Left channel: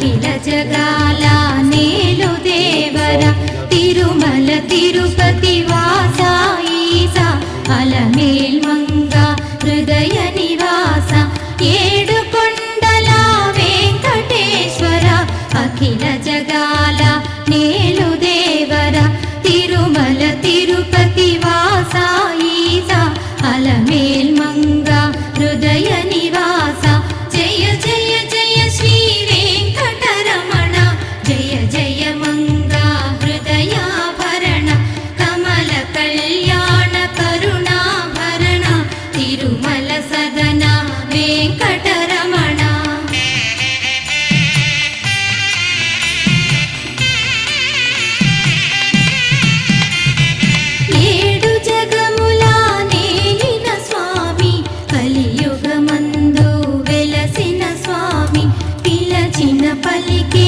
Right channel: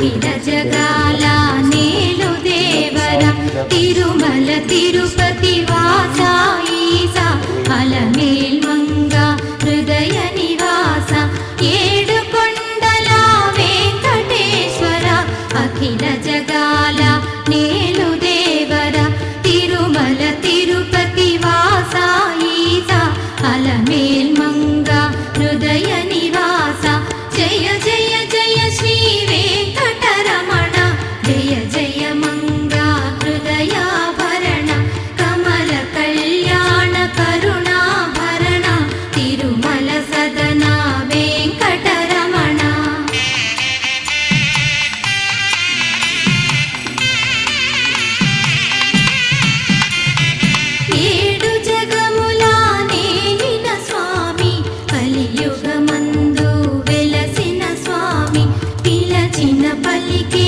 అఖిల జగాల నేలు దేవర తిరుమల తిరుపతి వాస ఈసా అలమేల్ మంగ హృదయ నివాస ఏడు కొండల వెంకటేశ్వర అఖిల జగాల నేలు దేవర తిరుమల తిరుపతి వాస ఈసా అలమేల్ మంగ హృదయ నివాస జయ జయ జయ శ్రీ వెంకటరమణ జయ జయ మంగ హృదయాభరణ కమల కళ్యాణ కరుణాభరణ తిరుమల సదన వెంకటరమణ ఏడు జగముల నేలిన స్వామి కలియుగమందు వెలసిన స్వామి పిలచిన పలికే